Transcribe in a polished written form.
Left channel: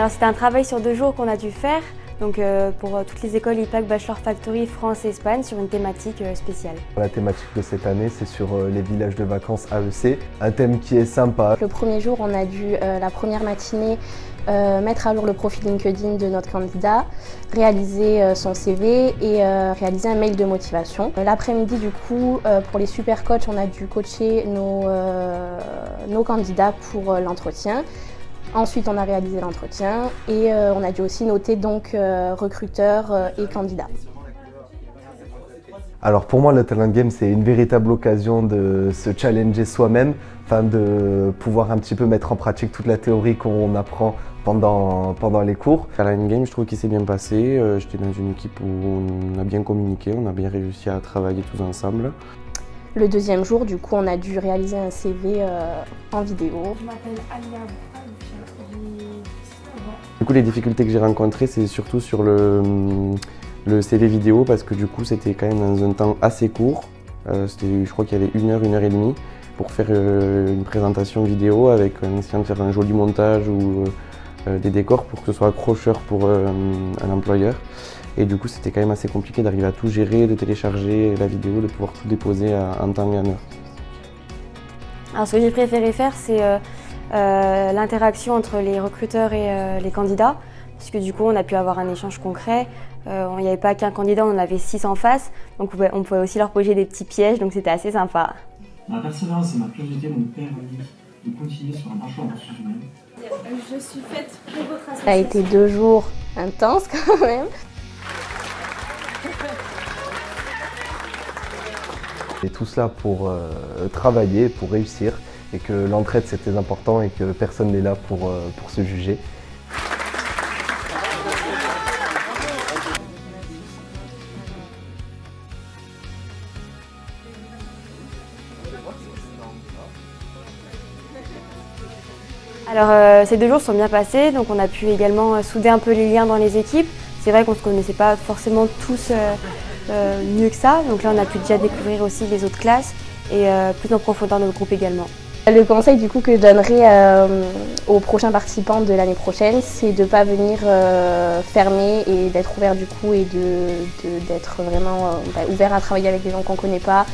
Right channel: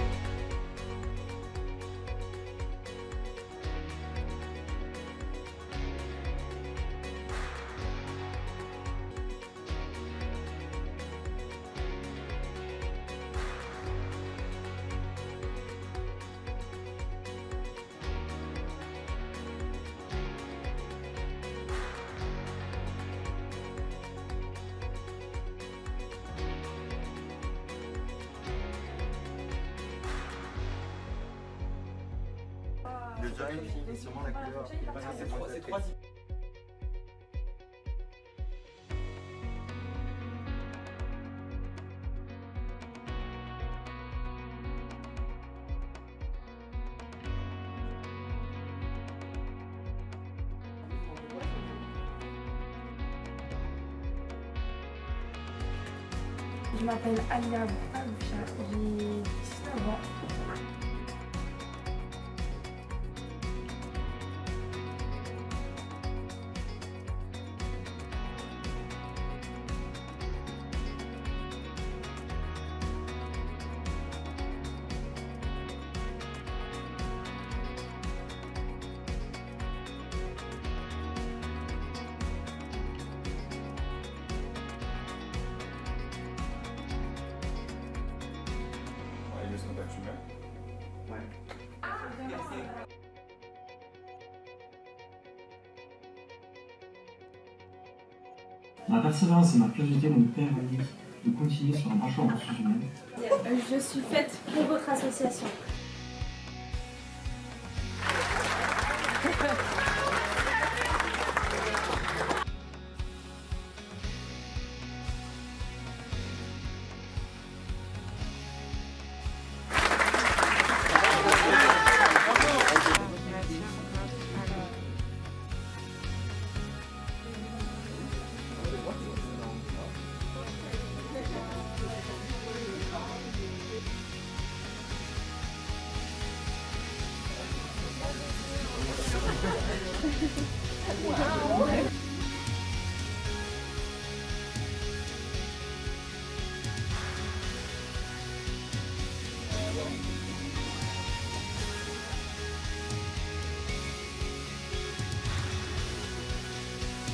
Alors c'était un travail sur 2 jours qu'on a dû faire, donc pour toutes les écoles IPAC Bachelor Factory France et Espagne sur une thématique spéciale. La thématique de cette année, c'est sur les villages de vacances AEC, un thème qui est sympa. Le premier jour, on a dû, la première matinée, mettre à jour le profil LinkedIn de notre candidat, réaliser son CV et réaliser un mail de motivation. L'après-midi, du coup, pour les super coachs, on a dû coacher nos candidats pour l'entretien. Ensuite, on a réalisé l'entretien et on a dû aussi noter donc recruteurs et candidats. Alors pour moi, le Talent Game, c'est une véritable occasion de se challenger soi-même, de pouvoir un petit peu mettre en pratique toute la théorie qu'on apprend pendant les cours. Talent Game, je trouve qu'il s'est bien passé. J'étais dans une équipe où on a bien communiqué, on a bien réussi à travailler tous ensemble. Le deuxième jour, du coup, on a dû réaliser un CV en vidéo. Je m'appelle Alia Boucha, j'ai 19 ans. Du coup, les difficultés que j'ai rencontrées, c'est surtout sur le CV vidéo parce que du coup, c'était quand même dans un temps assez court. Je crois qu'il y avait 1 heure et demie pour faire une présentation vidéo avec en essayant de faire un joli montage ou des décors pour que ce soit accrocheur pour un employeur. Et du coup, c'était quand même assez compliqué d'arriver à tout gérer, de télécharger la vidéo, de pouvoir tout déposer en temps et en heure. Alors ce que j'ai préféré faire, c'est l'interaction entre les recruteurs et les candidats, puisque du coup on a pu avoir un échange concret. Il n'y avait pas qu'un candidat, on en avait 6 en face, donc on pouvait aussi leur poser des petits pièges, donc c'était assez sympa. Ma persévérance et ma curiosité m'ont permis de continuer sur un parcours en ressources humaines. Je suis faite pour votre association. Ça a été 2 jours intenses quand même. Et tout ça pour travailler, pour réussir, et que l'entraide c'est très important et que personne n'est là pour se juger. Alors ces 2 jours sont bien passés, donc on a pu également souder un peu les liens dans les équipes. C'est vrai qu'on ne se connaissait pas forcément tous mieux que ça, donc là on a pu déjà découvrir aussi les autres classes et plus en profondeur le groupe également. Le conseil du coup que je donnerais aux prochains participants de l'année prochaine, c'est de ne pas venir fermé et d'être ouvert du coup et d'être vraiment ouvert à travailler avec des gens qu'on ne connaît pas.